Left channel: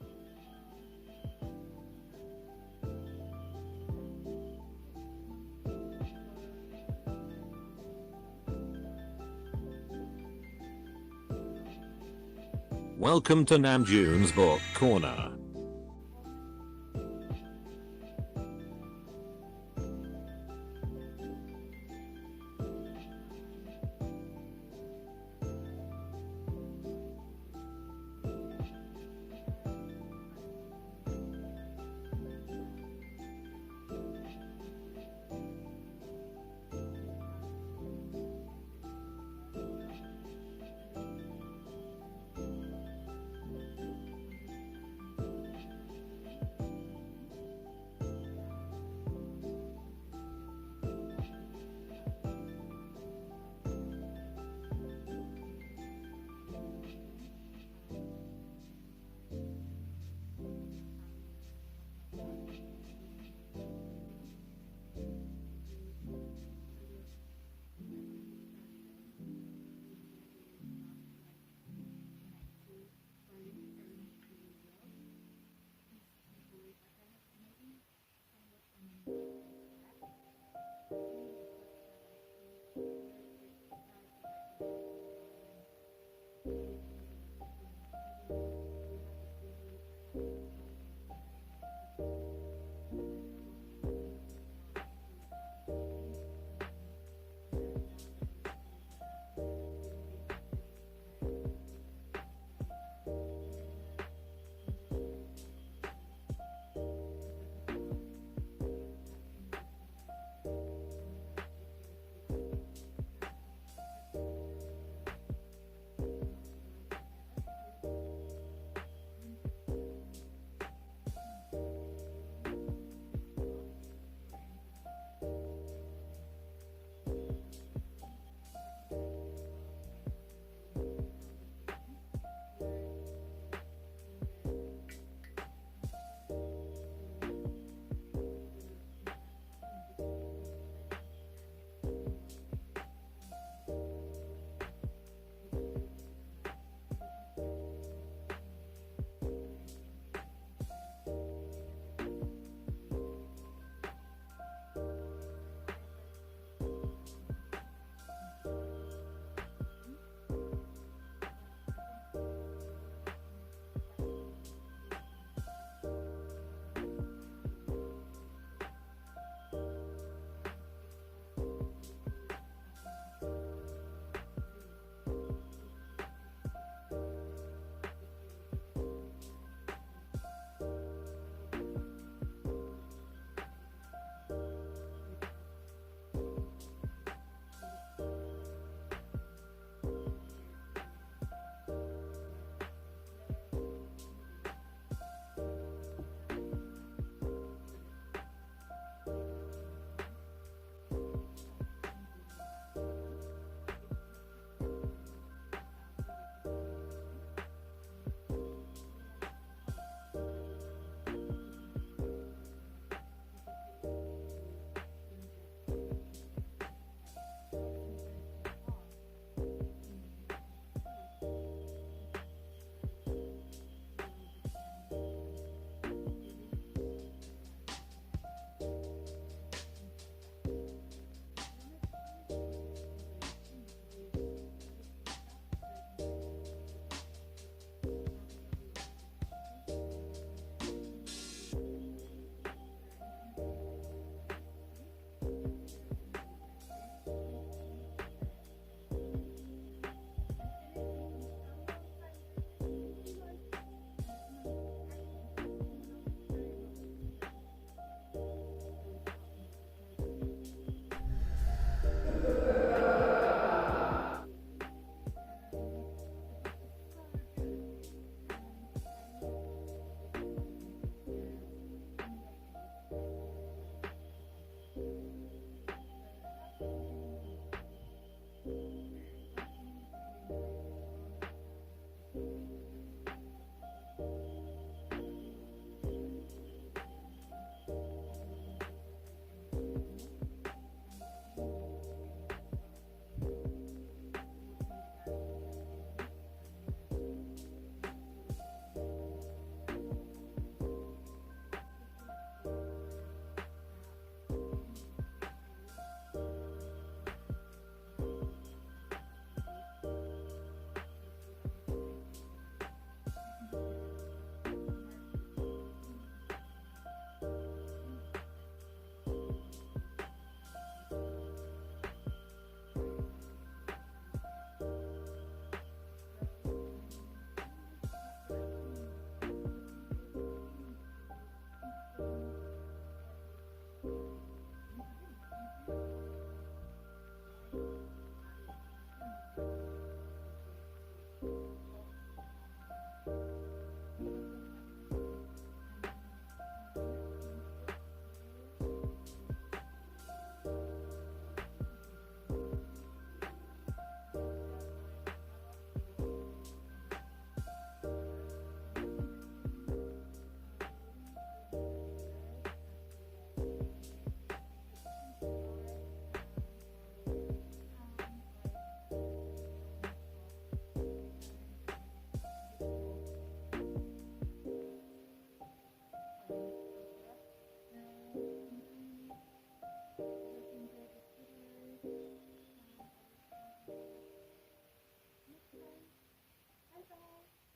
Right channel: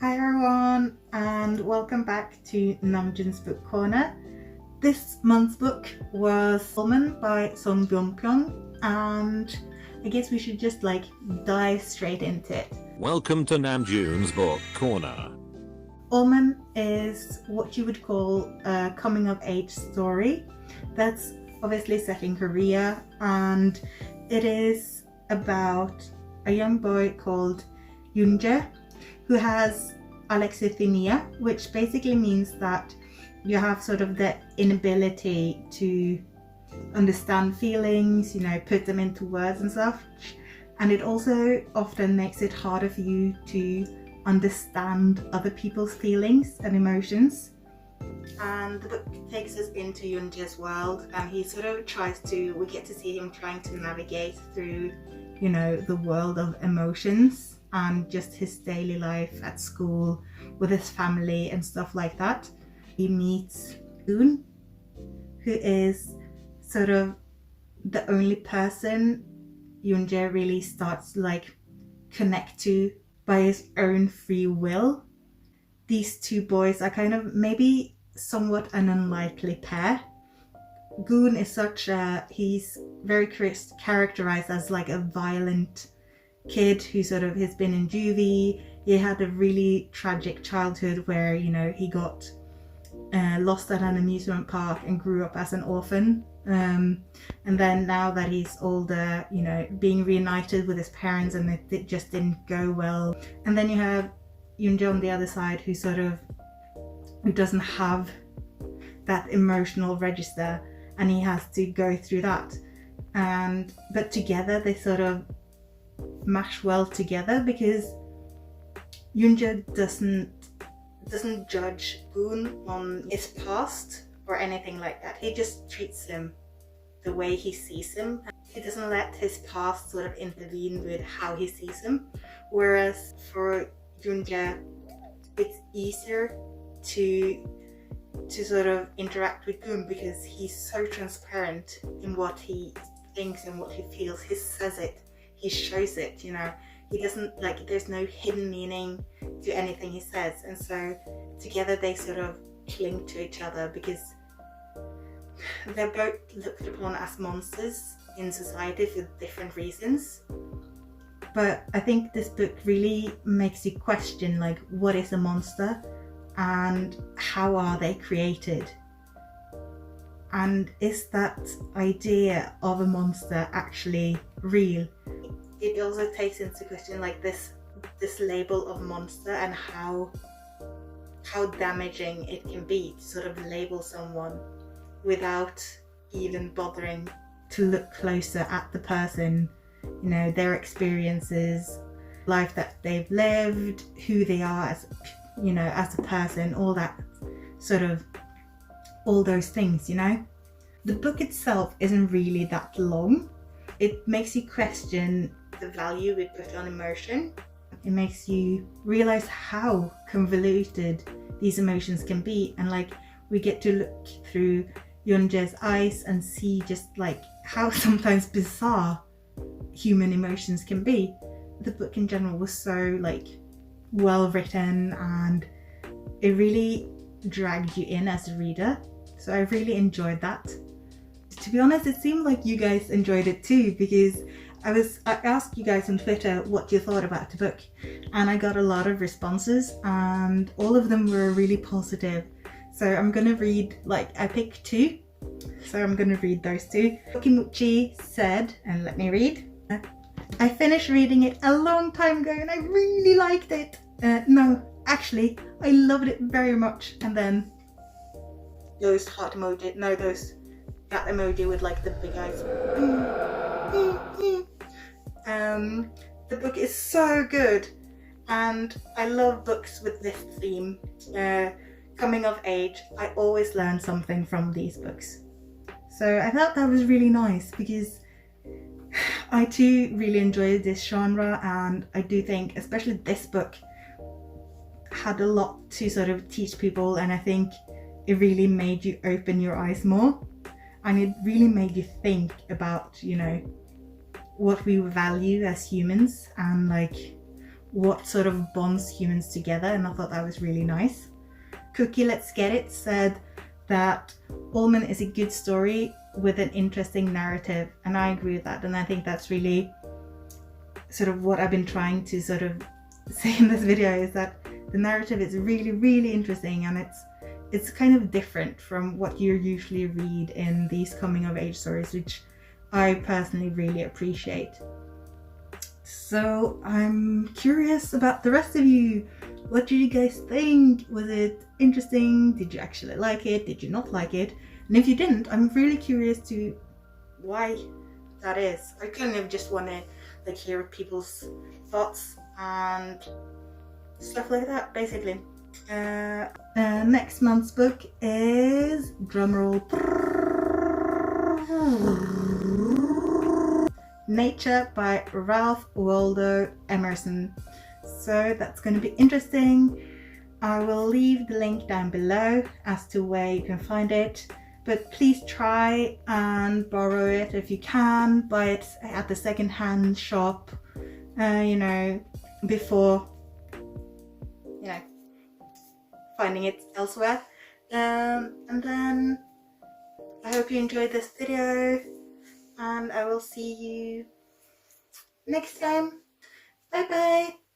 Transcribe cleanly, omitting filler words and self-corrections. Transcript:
Hi everyone, and welcome back to Namjoon's Book Corner. This month's book was Almond by Wonpyeong, and I guess we should just dive straight into it. Welcome to Namjoon's Book Corner. Almond is what you would call a coming of age story that's obviously set in Korea, and it is about a young boy called Yoonjae who has alexithymia, which basically means that you have sort of the inability to understand feelings, put them into words and stuff. And it also often makes it harder for you to understand other people's feelings and emotions. And the book takes us into Yoonjae's world, and he sort of we get to see him trying to navigate through, the world of emotions and just his daily life at school with his family and stuff like that. He meets Na.joon, who is sort of the only person Yoonjae really starts to connect to by his own free will. These two boys are kind of maybe somewhat an unlikely pair. Goon is he's very characterized as a violent kid who has been in juvie. He had a really tragic childhood where he got lost at an amusement park and grew up as an orphan, and then now that he's older, being reunited with his parents, and it just didn't go well. And then you have Yoonjae on the other side who doesn't have that emotional register, and he has to go through that, but together they sort of mash well together, because Yoonjae doesn't judge Goon on his past or anything like that. He just treats him the way he sees him. He doesn't let his past sort of intervene with how he sees him. Whereas for Yoonjae, it's easier to sort of interact with Goon because he's so transparent in what he thinks and what he feels. He says it. He shows it, he doesn't there's no hidden meaning to anything he says, and so together they sort of cling to each other because they're both looked upon as monsters in society for different reasons. But I think this book really makes you question what is a monster and how are they created, and is that idea of a monster actually real? It also takes into question this label of monster and how damaging it can be to sort of label someone without even bothering to look closer at the person, their experiences, life that they've lived, who they are as as a person, all those things. The book itself isn't really that long. It makes you question the value we put on emotion. It makes you realize how convoluted these emotions can be, and we get to look through Yoonjae's eyes and see just how sometimes bizarre human emotions can be. The book in general was so well written, and it really dragged you in as a reader, so I really enjoyed that. To be honest, it seemed like you guys enjoyed it too, because I asked you guys on Twitter what you thought about the book, and I got a lot of responses, and all of them were really positive. So I'm gonna read, I picked two, so I'm gonna read those two. Kimuchi said, and let me read. I finished reading it a long time ago and I really liked it. No, actually, I loved it very much. And then those heart emoji, that emoji with the big eyes. The book is so good, and I love books with this theme, coming of age. I always learn something from these books, so I thought that was really nice, because I too really enjoy this genre, and I do think especially this book had a lot to sort of teach people, and I think it really made you open your eyes more, and it really made you think about what we value as humans, and what sort of bonds humans together, and I thought that was really nice. Cookie Let's Get It said that Almond is a good story with an interesting narrative, and I agree with that, and I think that's really sort of what I've been trying to sort of say in this video, is that the narrative is really, really interesting, and it's kind of different from what you usually read in these coming of age stories, which I personally really appreciate. So I'm curious about the rest of you. What did you guys think? Was it interesting? Did you actually like it? Did you not like it? And if you didn't, I'm really curious to why that is. I kind of just want to like hear people's thoughts and stuff like that, basically. Next month's book is, drumroll, Nature by Ralph Waldo Emerson. So that's going to be interesting. I will leave the link down below as to where you can find it, but please try and borrow it if you can. Buy it at the second-hand shop, you know, before, you know, finding it elsewhere. And then I hope you enjoyed this video, and I will see you next time. Bye bye.